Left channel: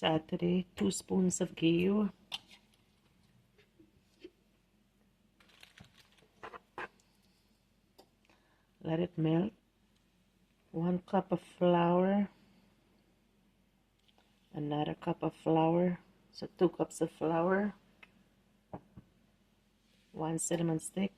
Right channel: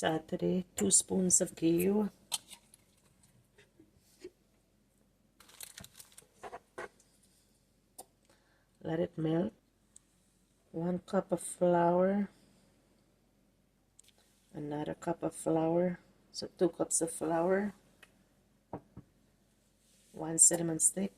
Add today 2 spoons of ghee. Let it melt. 1 cup of flour. Another cup of flour. So 2 cups of flour. 1 cinnamon stick.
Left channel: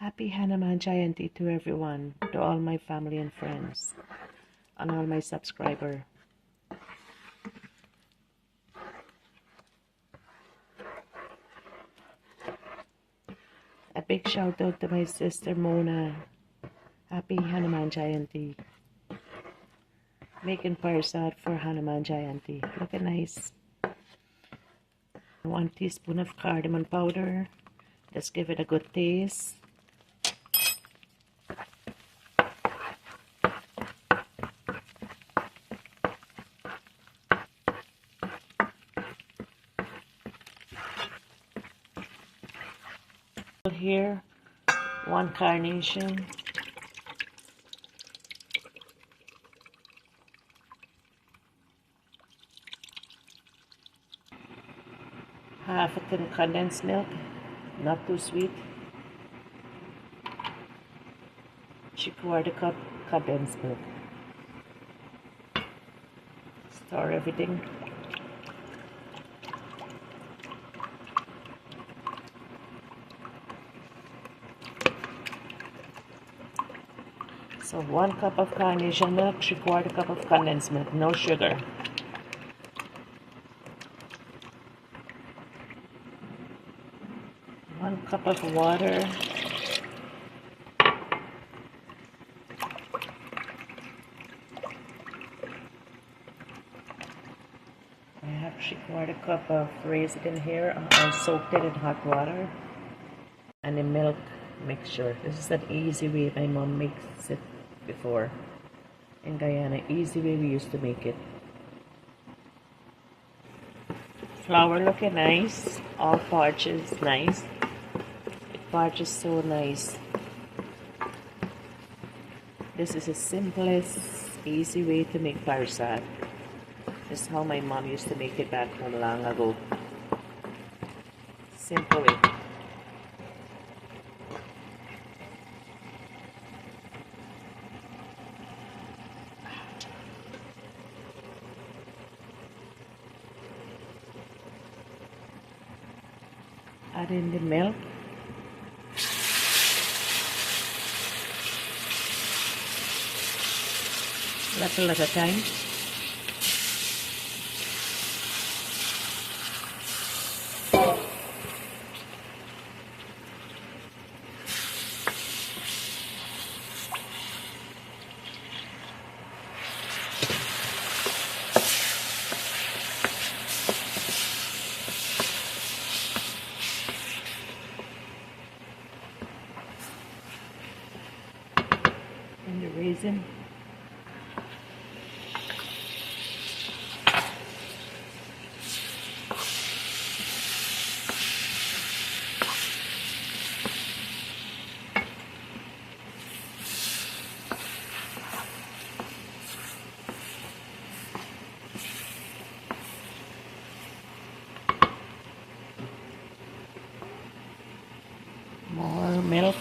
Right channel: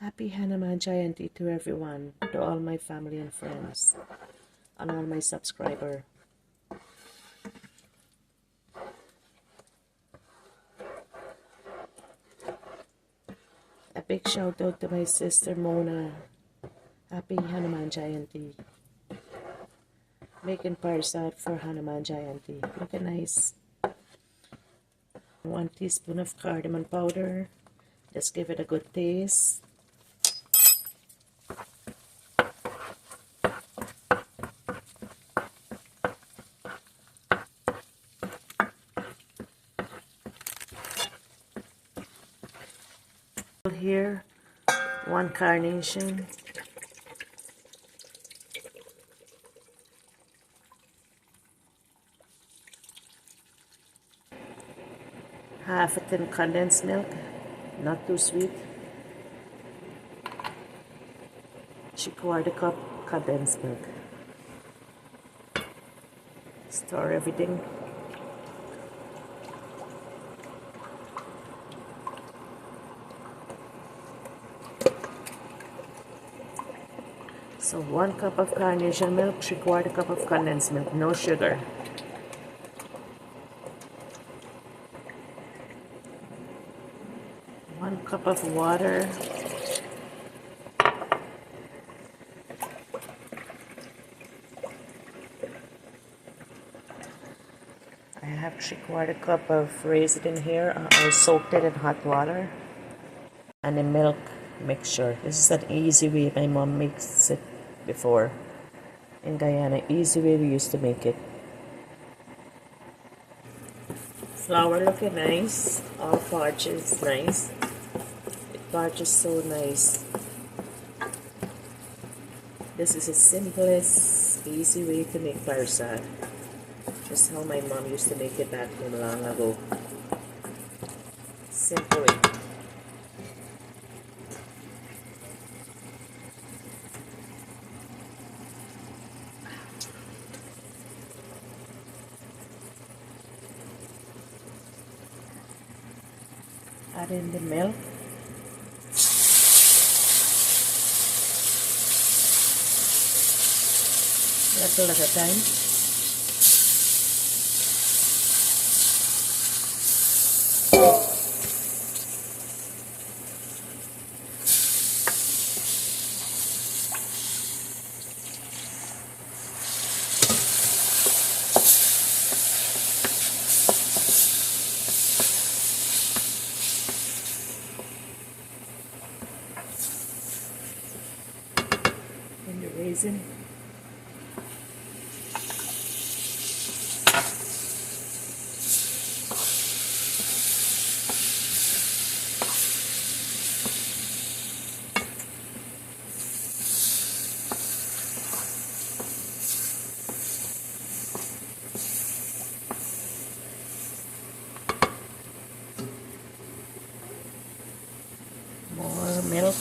Happy Hanuman Jayanti to everyone, to all my family and friends, and all my subscribers. A big shout out to my sister Mona. Happy Hanuman Jayanti. Making parsad for Hanuman Jayanti. Looking nice. 1 teaspoon of cardamom powder. Let's give it a good taste. Here, 1 carnation. Half a tin condensed milk, not too sweet. 3/4 cup condensed milk. Stir everything. So 1 cup of carnation milk, 3/4 cup of condensed milk, no sugar. One cup of water. I have 3/4 cup of raisin in here. I soaked it in hot water. And a milk mixture. This is an easy way my mom makes it before. In Guyana, easy way we used to make it. Flour looking nice. All parches nice. It parches so nice. This is the simplest, easy way to make parsad. This is how my mom used to make it back home long ago. Simple way. Add in the milk. Little at a time. And the raisin. More milk.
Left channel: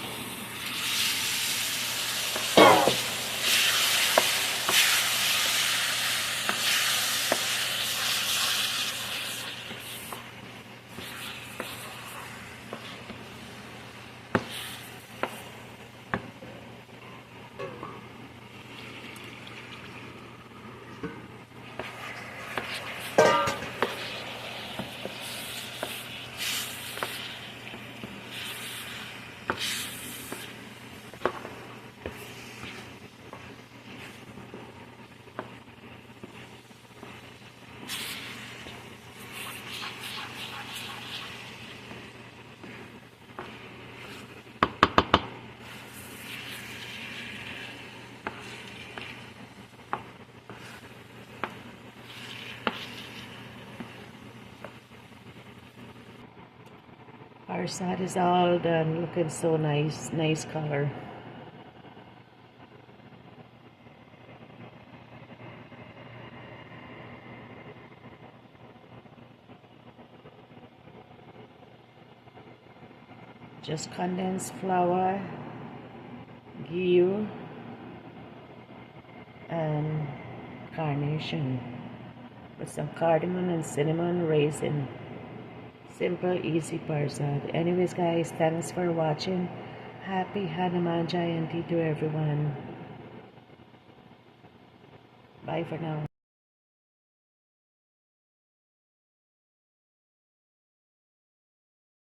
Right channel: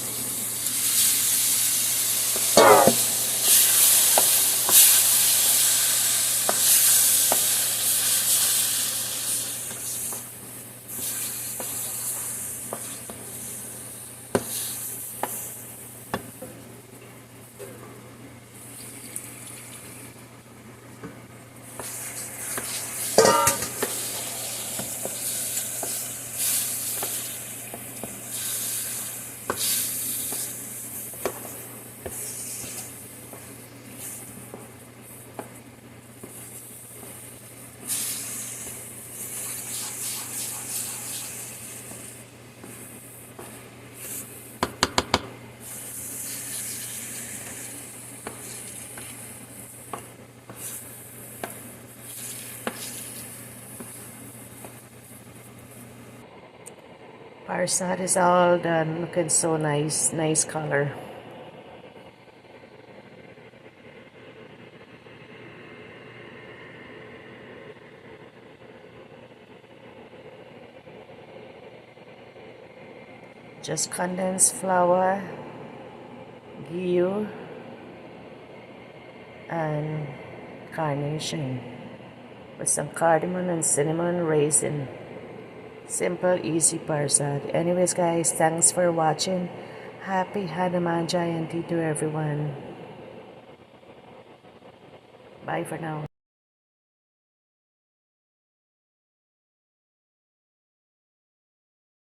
Parsad is all done, looking so nice, nice color. Just condensed flour, ghee, and carnation with some cardamom and cinnamon raisin. Simple, easy parsad. Anyways, guys, thanks for watching. Happy Hanuman Jayanti to everyone. Bye for now.